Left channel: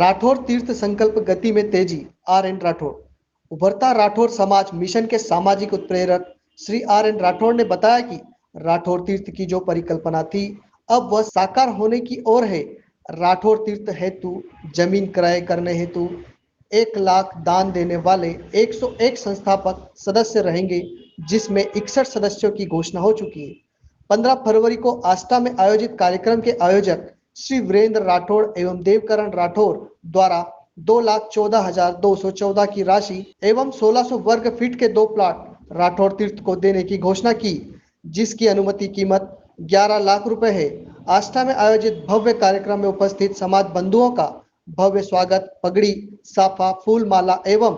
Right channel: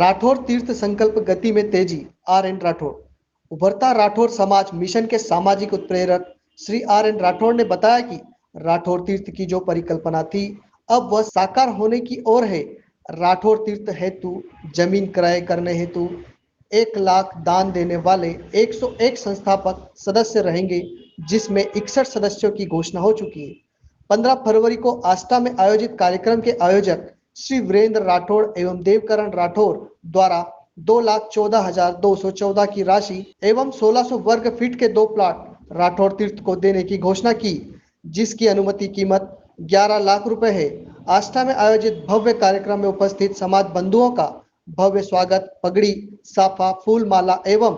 राठौर तीर्थ संकल्प गति में तेजी। आर.एन. राठौर। उभरता राठौर समाज मिशन के सामाजिक उत्प्रेरक श्री आर.एन. राठौर ने बताया कि राठौर तीर्थ की जो परिकल्पना थी अब वह साकार होने की ओर है। राठौर तीर्थ हेतु जमीन क्रय करने हेतु 1 लाख दान देने वाले 101 संस्थापक सदस्य रहेंगे, जिसमें 61 सदस्यों की घोषणा हो चुकी है। 15 फरवरी को आष्टा में आयोजित कार्यक्रम के आयोजक श्री वीरेंद्र राठौर एवं देवकरण राठौर द्वारा 2,14,214 की राशि एवं 1600 वर्ग फीट के 2 प्लाट राठौर तीर्थ को देने की घोषणा की, जिसकी अनुमति कीमत 11 लाख रुपए है। आष्टा में आयोजित भव्य कार्यक्रम में उपस्थित समाज बंधुओं का भव्य स्वागत पगड़ी, साफा, फूल माला एवं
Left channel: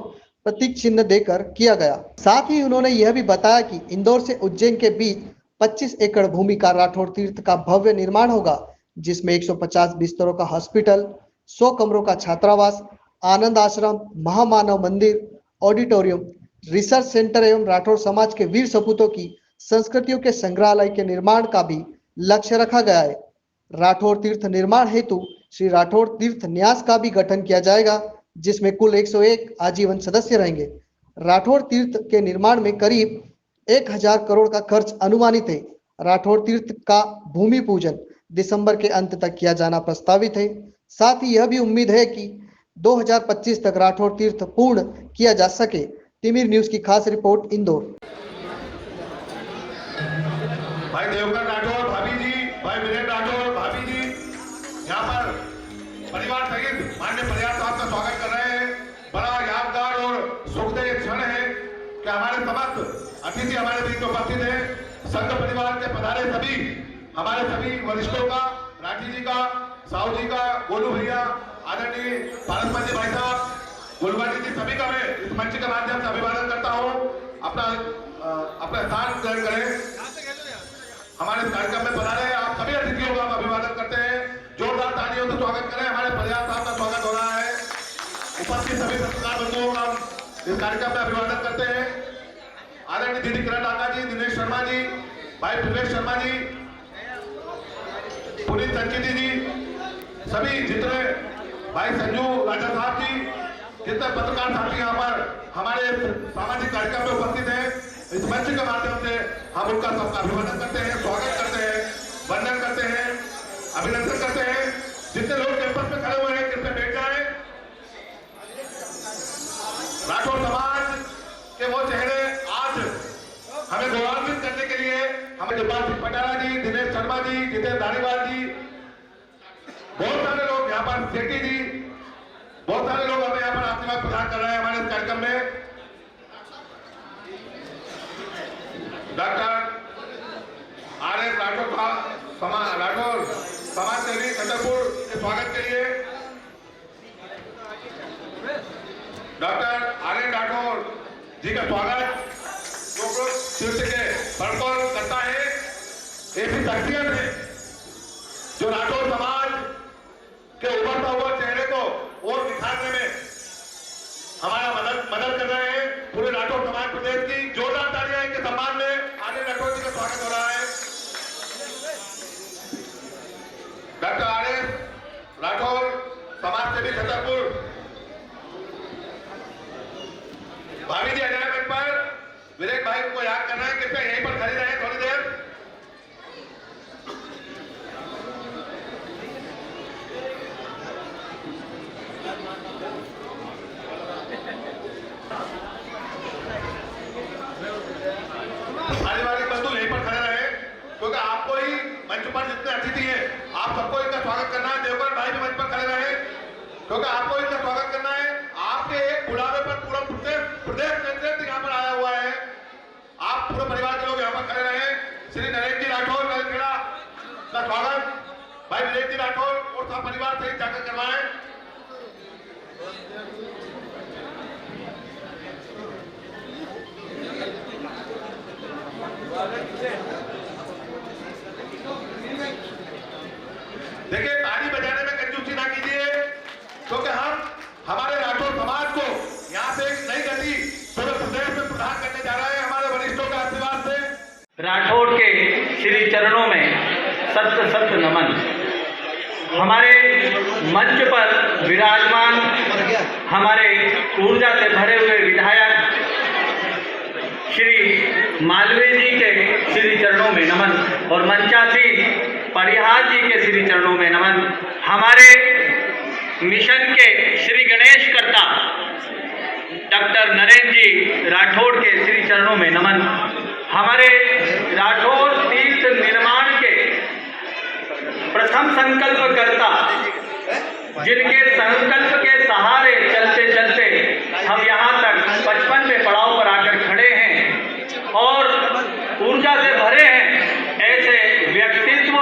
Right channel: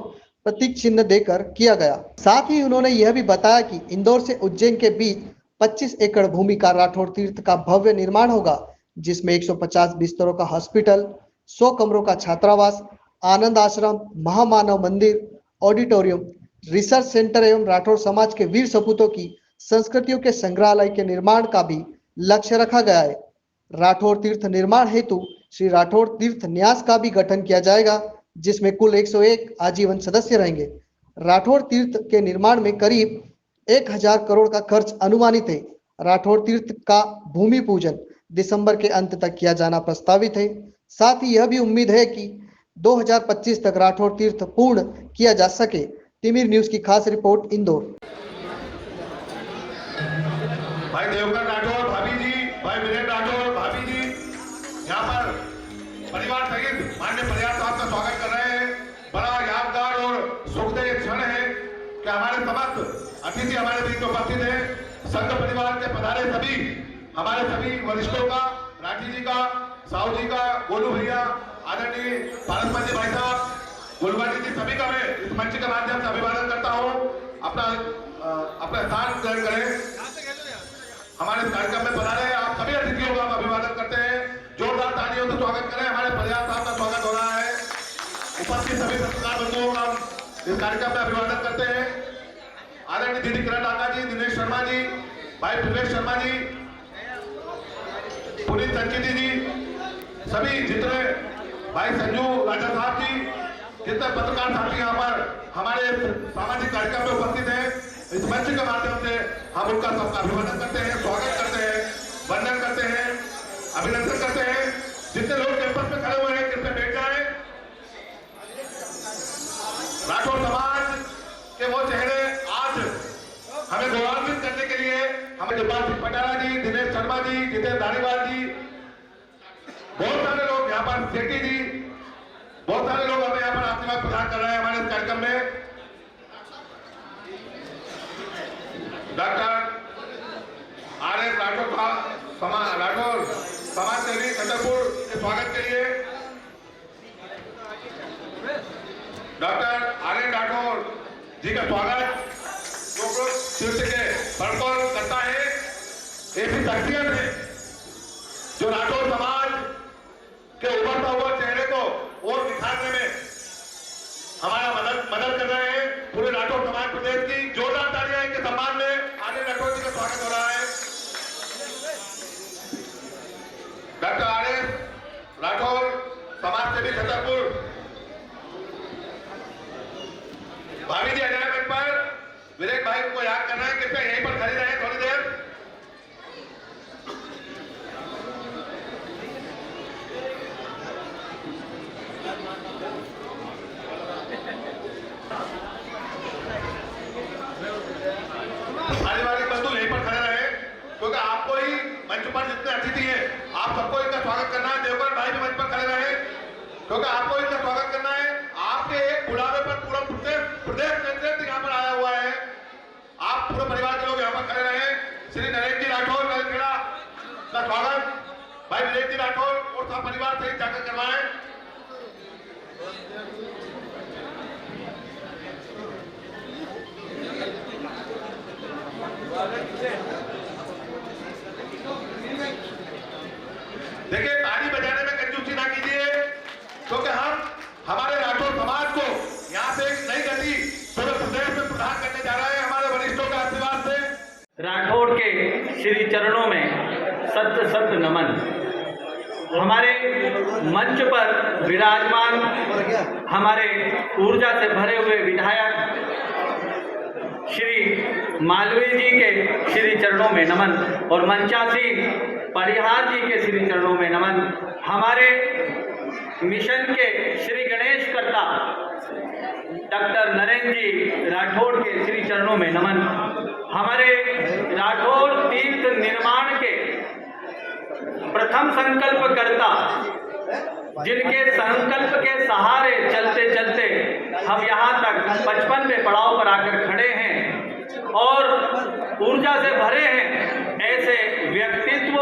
प्रतीक चिन्ह देकर किया गया। साथ ही उन्होंने यह भी बताया कि इंदौर से उज्जैन के बीच 25 एकड़ भूमि का राठौर तीर्थ का भव्य निर्माण होगा, जिसमें 150 बिस्तरों का हॉस्पिटल, 100 कमरों का छात्रावास, आनंद आश्रम, महामानव मंदिर, ऑडिटोरियम, रिसर्च सेंटर एवं राठौर समाज के वीर सपूतों की संस्कृतियों के संग्रहालय के निर्माण का भी लक्ष्य रखा गया है। राठौर तीर्थ निर्माण हेतु श्री राठौर तीर्थ न्यास का भी गठन किया जाएगा, जिसमें कुल 101 आजीवन सदस्य रहेंगे। राठौर तीर्थ के निर्माण में करीब 1000 करोड़ का खर्च अनुमानित है। राठौर तीर्थ का भूमि पूजन दिसंबर के अंत तक किया जाना प्रस्तावित है। साथ ही यह भी उम्मीद है कि 2025 तक राठौर तीर्थ पूर्ण किया जा सके। तिमिर न्यूज की खास रिपोर्ट, इंदौर। भाई देवकर राठौर भाभी जी, भाई वीरेंद्र राठौर भाभी जी यहाँ पर परिवार सहित माननीय प्रयास साहब का स्वागत कर रहे हैं। बड़ा यादगार और सुखदायी क्षण है कि हमारे समस्त अतिथि हमारे बीच उपस्थित है। संघ परिवार के पधारे सभी हमारे सभी वरिष्ठों का, राठी जी का, साहू जी का, गोलू भैया, आदरणीय पारसमल जी भाई साहब, गुलवानी जी, सभी का मैं इस मंच के माध्यम से अभिवादन करता हूँ। अपना स्थान ग्रहण करें। हमारे कार्यक्रम में पधारे आप सभी अतिथियों का अभिवादन करते हैं। जोरदार तालियों से स्वागत करें। हमारे प्रयास साहब का स्वागत हो रहा है। उपस्थित सभी पत्रकार बंधुओं का इस कार्यक्रम में अभिवादन करते हैं। आदरणीय दीदी किरण डाका जी, दिनेश शर्मा जी, भाई प्रवेश शर्मा जी, पुनीत संचिती जी, सभी जितने भाई संजू राजा साहब जी, जितने पत्रकार साथी यहाँ पर हमारे सामाजिक कार्यक्रम में उपस्थित हैं, इस मंच के माध्यम से हम उनका सबका अभिवादन करते हैं, स्वागत करते हैं, वंदन करते हैं, अभिनंदन करते हैं। जितने लोग कैंपस में खड़े हुए हैं कृपया बैठ जाएं। राठौर समाज के वो चेहरे आज हमें गौरवान्वित करने के लिए हमें जगपाल सिंह पटारा जी, दिनेश शर्मा जी, जितेंद्र धारीवाल जी, बहुत सारे लोग यहाँ पर, सेठी जी, बहुत सारे लोग हमें यहाँ पर आशीर्वाद प्रदान कर रहे हैं हमारे इस कार्यक्रम में। Doctor RN. राठौर समाज सेवी छतरपुर के स्वागत के लिए डॉक्टर आर.एन. राठौर जी का स्वागत जो तीर्थ के बड़कौर करता है। ऐसी शख्सियत है जो राठौर समाज के उभरता हुआ चेहरे को और निखारने में हमारा मदद कर रहे हैं। पूरे राठौर समाज प्रदेश की जोरदार तालियां इनके सम्मान में आर.एन. राठौर जी का स्वागत हो रहा है। Doctor RN. राठौर समाज सेवी छतरपुर भाभी जी अनाउंसमेंट पर वीरेंद्र भाई को याद करना है। कृपया यहीं पर खड़े रहें थोड़ी देर। पारिवारिक बंधु यहीं पर खड़े रहे, क्योंकि आपको ही मंच पर जितने अतिथि हैं आप सबको इनका स्वागत करना है। देवकर भाई भी मंच पर खड़े रहे, क्योंकि आपको इनका स्वागत करना है। आपके एक बुलावे पर पूरा प्रदेश नेतृत्व यहाँ पर आया हुआ है। आप पूरे परिवार के लोग यहाँ पर खड़े रहे। श्री नरेंद्र जी राठौर का स्वागत भाई वीरेंद्र जी राठौर और सब परिवार से जाकर करवाएं। देखिए, ताली बजाने में कंजूसी ना कीजिए, क्योंकि हम हमारे राठौर समाज को यहाँ से एक नई गति पूरे प्रदेश में प्रदान करने जा रहे हैं हमारे वरिष्ठों के आशीर्वाद से। राठौर के श्री चरणों में सत्य सत्य नमन। हमारे मंच पर विराजमान हमारे ऊर्जा से भरे हुए विधायक श्री मालवीय जी के श्री चरणों में नमन और मंचासी परिहार जी के श्री चरणों में नमन। हमारे मिशन के श्री गणेश कर्ता डॉक्टर नरेंद्र जी राठौड़ के श्री चरणों में नमन। हमारे राठौड़ तीर्थ निर्माण के प्रथम संकल्प करता, जिनके संकल्प के सहारे चलते चलते हम यहाँ तक 55वें पड़ाव पर आकर खड़े हैं और ऊर्जा से भरे हैं, ऐसे व्यक्तित्व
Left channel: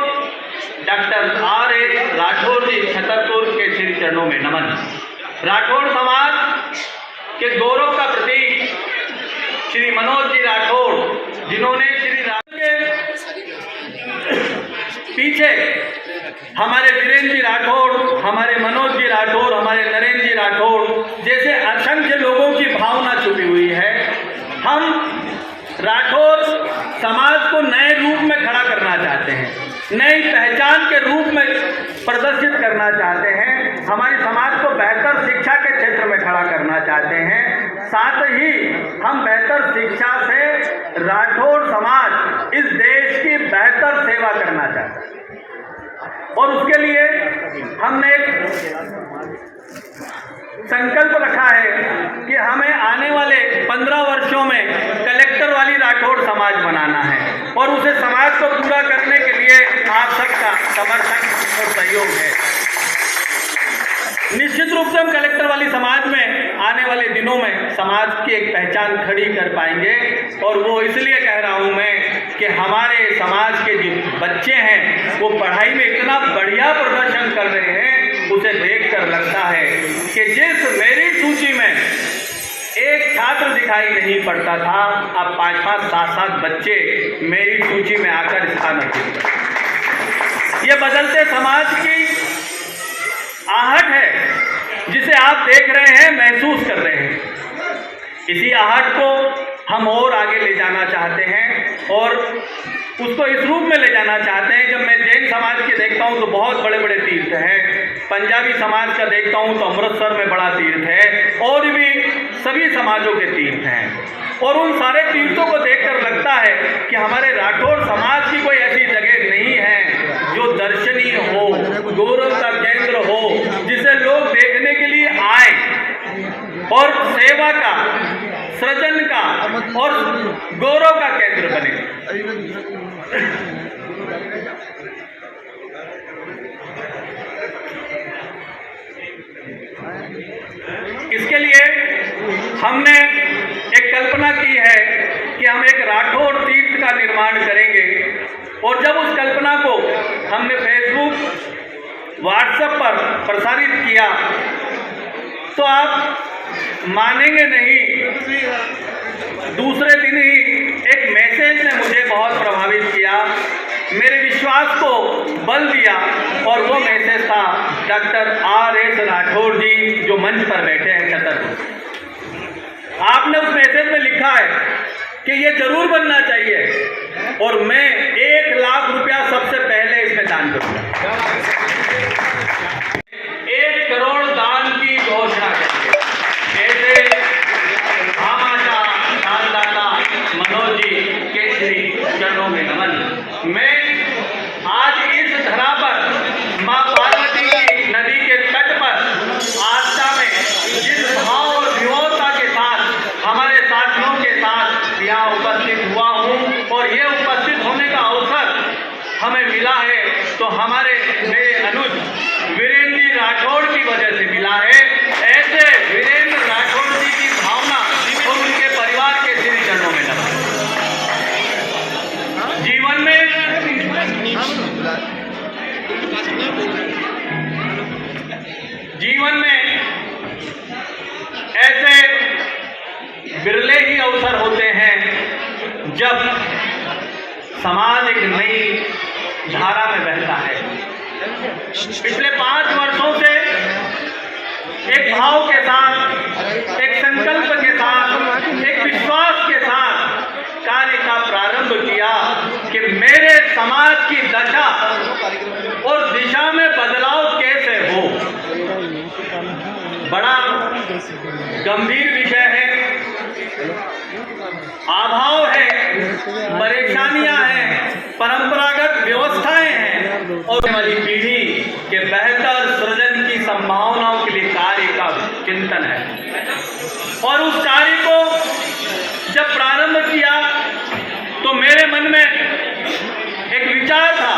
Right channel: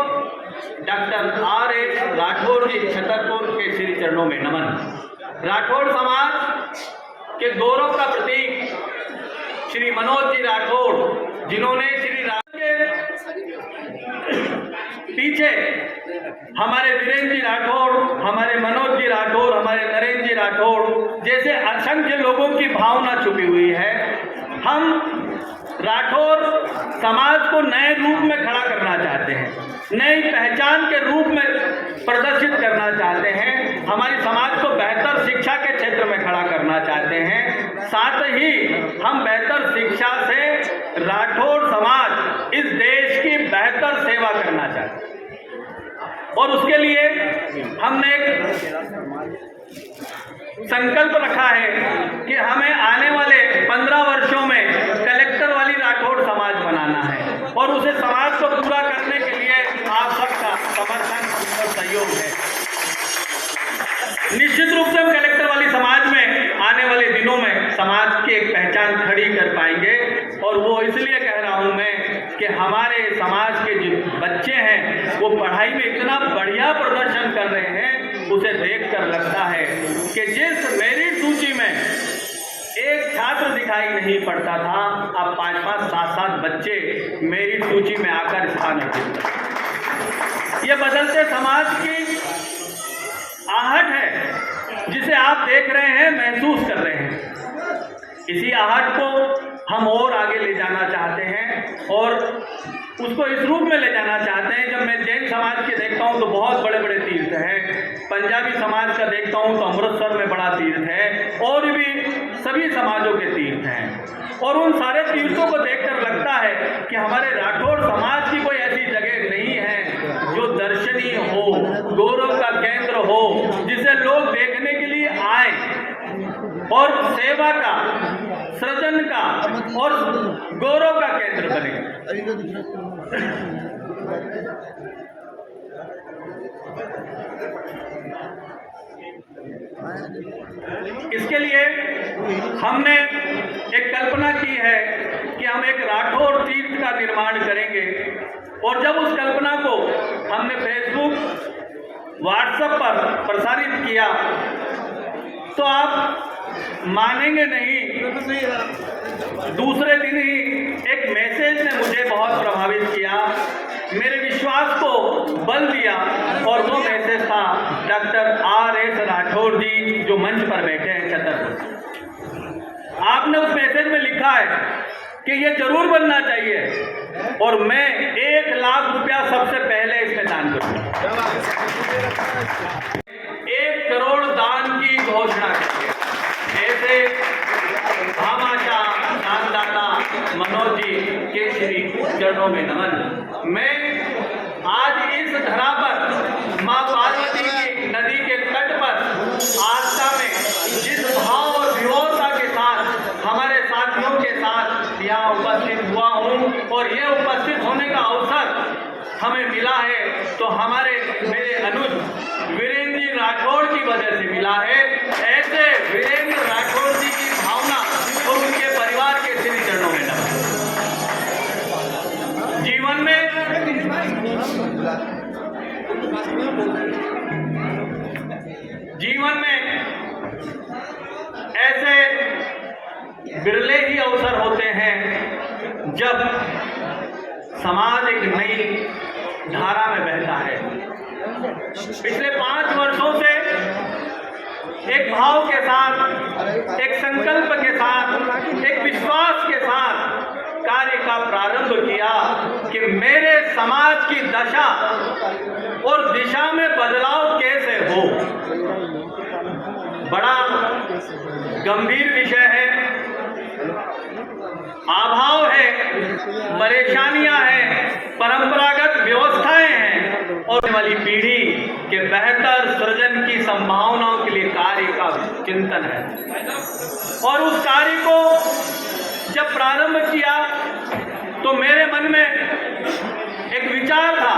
डॉक्टर R.S. राठौड़ जी छतरपुर के श्री चरणों में नमन। राठौड़ समाज के गौरव का प्रतीक श्री मनोज जी राठौड़, जिन्होंने श्री राम के पीछे हमारे वीरेंद्र जी राठौड़, हमारे मनोज जी राठौड़, हमारे नरेंद्र जी राठौड़ जैसे असंख्य लोगों की भावना छुपी हुई है। हम राठौड़ समाज को नए रूप में खड़ा करना चाहते हैं, नई पहचान के रूप में प्रदर्शित करना चाहते हैं, हमारी समाज को बेहतर शिक्षा के क्षेत्र में खड़ा करना चाहते हैं। साथ ही हम बेहतर शिक्षा से राठौड़ समाज इस देश की बेहतर सेवा करना चाहते हैं और उसके लिए हमने एक संकल्प रखा है कि हमें आने वाले 15 वर्षों में कलेक्टर वाली राठौड़ समाज बनाना है और उसे समाज को पूरा करने के लिए आप सबका समर्थन और सहयोग है। निश्चित रूप से हम कलेक्टर वाली समाज में आने वाले दिनों में समाज की एक पहचान खड़ी कर पाएंगे और वो इसलिए कह रहा हूं मैं कि हमारे समाज के जो बच्चे हैं वो पढ़ाई में इतना बढ़िया प्रदर्शन कर रहे हैं, उसे देखकर लगता है कि जिस मेरी सूची में एक छात्र दिखाई नहीं पड़ता था, अब 5-5, 7-7 बच्चे मेरी सूची में आकर स्थान अर्जित करते। ये बदलते समाज की आहट है जिसे आप देख रहे हैं, महसूस कर रहे हैं। इसी आहट को हम और आगे ले जाना चाहते हैं और उसको इस रूप में ले जाना चाहते हैं। जब मैं जैन समाज के देखता हूं तो बहुत बड़े बड़े तीर्थ हैं, पंजाबी समाज का देखता हूं तो अमृतसर में बड़ा तीर्थ है और भी सभी समाजों के तीर्थ हैं और उन सारे तीर्थों को देखकर लगता है कि हमारे राठौड़ समाज की कोई ऐसी जगह नहीं है जो दर्शनीय हो, गौरव का केंद्र हो, जिसे लोग देखने के लिए आए और सेवा का, सृजन का और गौरव का केंद्र बने। इसके लिए हमने एक कल्पना की है कि हम एक राठौड़ तीर्थ का निर्माण करेंगे और जब उस कल्पना को हमने फेसबुक, व्हाट्सएप पर प्रसारित किया तो आप मानेंगे नहीं, दूसरे दिन ही एक मैसेज ने मुझे बहुत प्रभावित किया, मेरे विश्वास को बल दिया और वो मैसेज था डॉक्टर R.S. राठौड़ जी जो मंच पर बैठे हैं छतरपुर। आपने उस मैसेज में लिखा है कि ये जरूर बनना चाहिए और मैं 1 लाख रुपया सबसे पहले इसमें दान करूंगा। 1 करोड़ दान की घोषणा करेंगे। ऐसे भामाशाह दानदाता मनोज जी के श्री चरणों में नमन। मैं आज इस धरा पर मां पार्वती की नदी के तट पर आस्था में जिस भाव और विनम्रता के साथ हमारे साथियों के साथ यहाँ उपस्थित हुआ हूँ और ये उपस्थित होने का अवसर हमें मिला है तो हमारे मेरे अनुज वीरेंद्र जी राठौड़ की वजह से मिला है। ऐसे वीरेंद्र राठौड़ जी की भावना और उनके परिवार के श्री चरणों में नमन। जीवन में ऐसे बिरले ही अवसर होते हैं जब समाज एक नई धारा में बहता है। पिछले 5 वर्षों से एक भाव के साथ, एक संकल्प के साथ, एक विश्वास के साथ कार्य का प्रारंभ किया कि मेरे समाज की दशा और दिशा में बदलाव होने वाली पीढ़ी के बेहतर सृजन की संभावनाओं के लिए कार्य का चिंतन है। और उस कार्य को जब प्रारंभ किया तो मेरे मन में एक विचार था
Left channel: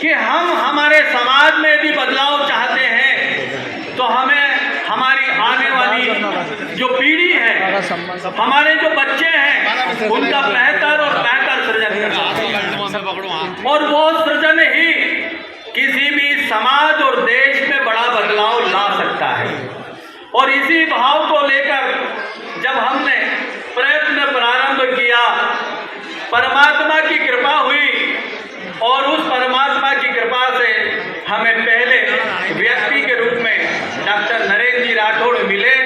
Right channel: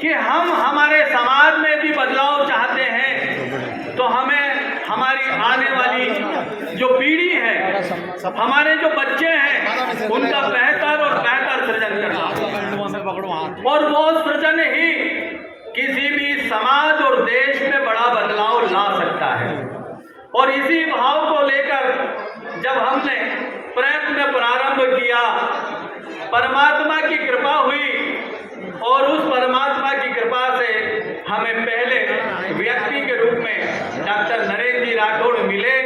कि हम हमारे समाज में यदि बदलाव चाहते हैं तो हमें हमारी आने वाली जो पीढ़ी है, हमारे जो बच्चे हैं, उनका बेहतर और बेहतर सृजन करना और वो सृजन ही किसी भी समाज और देश में बड़ा बदलाव ला सकता है। और इसी भाव को लेकर जब हमने प्रयत्न प्रारंभ किया, परमात्मा की कृपा हुई और उस परमात्मा की कृपा से हमें पहले व्यक्ति के रूप में डॉक्टर नरेंद्र जी राठौड़ मिले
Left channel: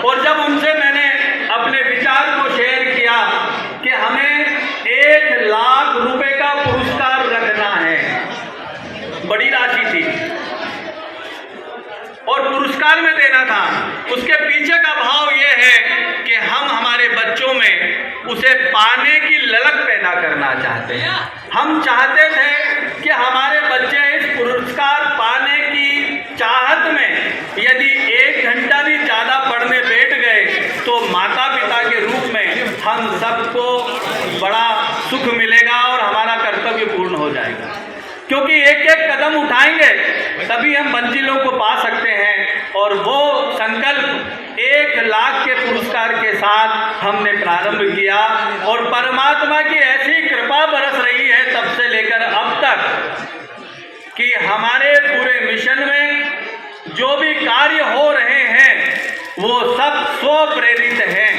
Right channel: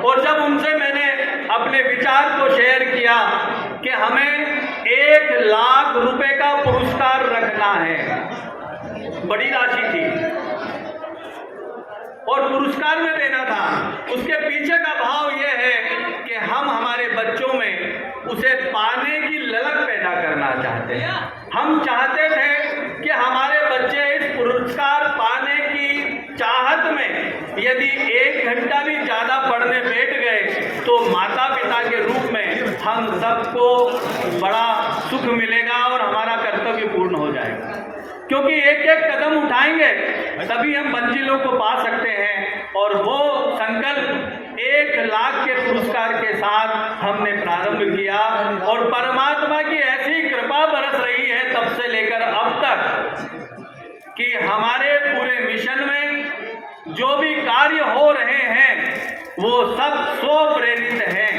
और जब उनसे मैंने अपने विचार को शेयर किया कि हमें 1 लाख रुपए का पुरस्कार रखना है, बड़ी राशि थी और पुरस्कार में देना था। उसके पीछे का भाव यह है कि हम हमारे बच्चों में उसे पाने की ललक पैदा करना चाहते हैं। हम चाहते थे कि हमारे बच्चे इस पुरस्कार पाने की चाहत में यदि 1 घंटा भी ज़्यादा पढ़ने बैठ गए तो माता पिता के रूप में हम सबको बड़ा सुख मिलेगा और हमारा कर्तव्य पूर्ण हो जाएगा। क्योंकि एक एक कदम उठाएंगे तभी हम मंजिलों को पा सकते हैं। और वो संकल्प 1 लाख के पुरस्कार के साथ हमने प्रारंभ किया और परमात्मा की ऐसी कृपा बरस रही है तब से लेकर अब तक कि हमारे पूरे मिशन में जो भी कार्य हो रहे हैं वो सब स्व प्रेरित हैं,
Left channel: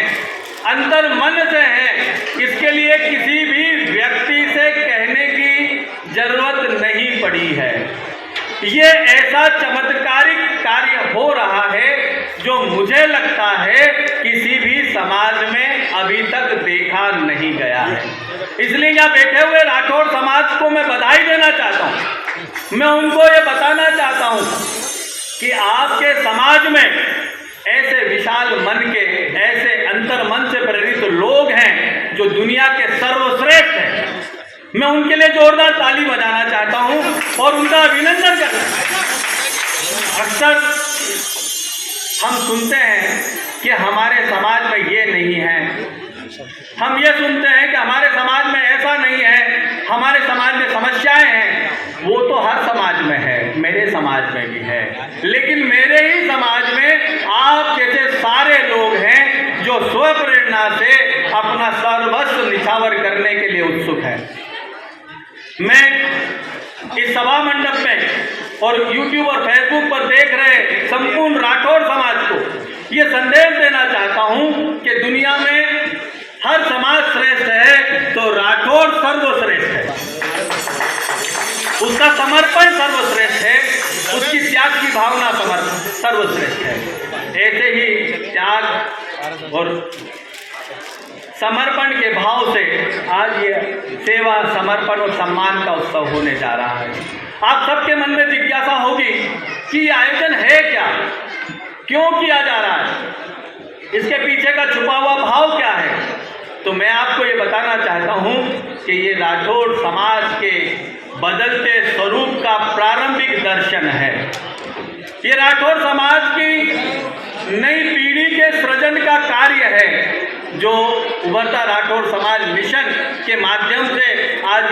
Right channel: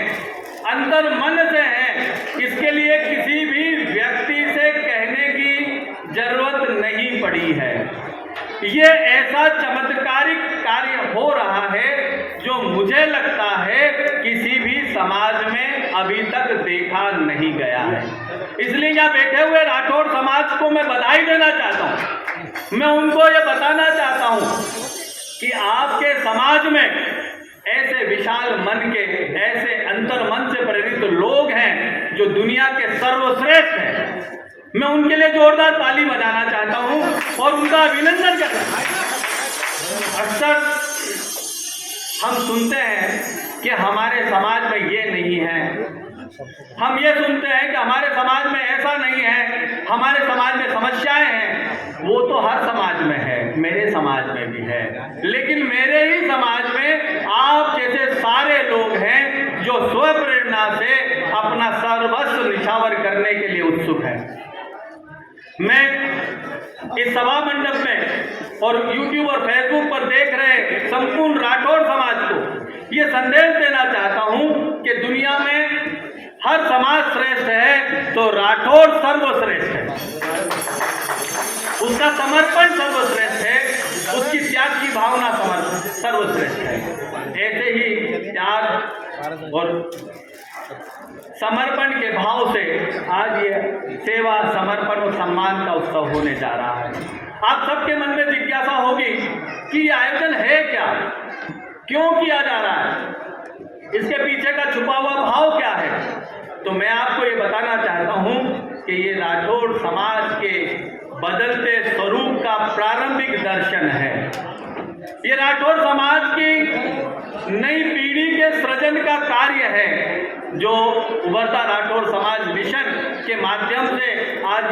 अंतर मन से हैं। इसके लिए किसी भी व्यक्ति से कहने की जरूरत नहीं पड़ी है। ये ऐसा चमत्कारिक कार्य हो रहा है जो मुझे लगता है किसी भी समाज में अभी तक देखा नहीं गया है। इसलिए यहाँ बैठे हुए राठौड़ समाज को मैं बधाई देना चाहता हूँ। मैं उनको ये बताना चाहता हूँ कि आपके समाज में ऐसे विशाल मन के, ऐसे अंतर मन से प्रेरित लोग हैं जो दुनिया के सर्वश्रेष्ठ हैं। मैं उनके लिए जोरदार ताली बजाना चाहता हूं और उनका अभिनंदन करना। अक्सर हम सुनते हैं कि हमारे समाज में ये नहीं है, हम ये सुनते हैं कि हमारे समाज में ऐसा नहीं है, हमारे समाज में समस्याएं हैं। वो तो हर समाज में है, मेरे समाज में भी है, लेकिन मेरे ही समाज में आप जैसे सारे लोग हैं जो स्वप्रेरणा से अपना सर्वस्व निछावर करने के लिए उत्सुक है। मैं इस सभा मंडप में और YouTube और Facebook पर देख रहे संपूर्ण राठौड़ समाज को ये संदेश देना चाहता हूं कि दुनिया में हर समाज श्रेष्ठ है तो राठौड़ सर्वश्रेष्ठ है। उसका समर्पण सर्वश्रेष्ठ है, उसकी त्याग की भावना सर्वश्रेष्ठ है। ऐसे ही त्याग और समर्पण के भाव से आज ये सेवा, समर्पण और सम्मान का उत्सव होने जा रहा है। आप सबके मन में जिज्ञासा होगी कि ये आयोजन है क्या, क्यों किया जा रहा है, इसके पीछे का छुपा हुआ भाव क्या है। तो मैं आपको ये बताना चाहता हूँ कि ये राठौड़ समाज के बदलते स्वरूप का प्रारंभिक दर्शन है। ये राठौड़ समाज की नई पीढ़ी के सृजन का कार्य है जो उभरता राठौड़ समाज मिशन के माध्यम से आज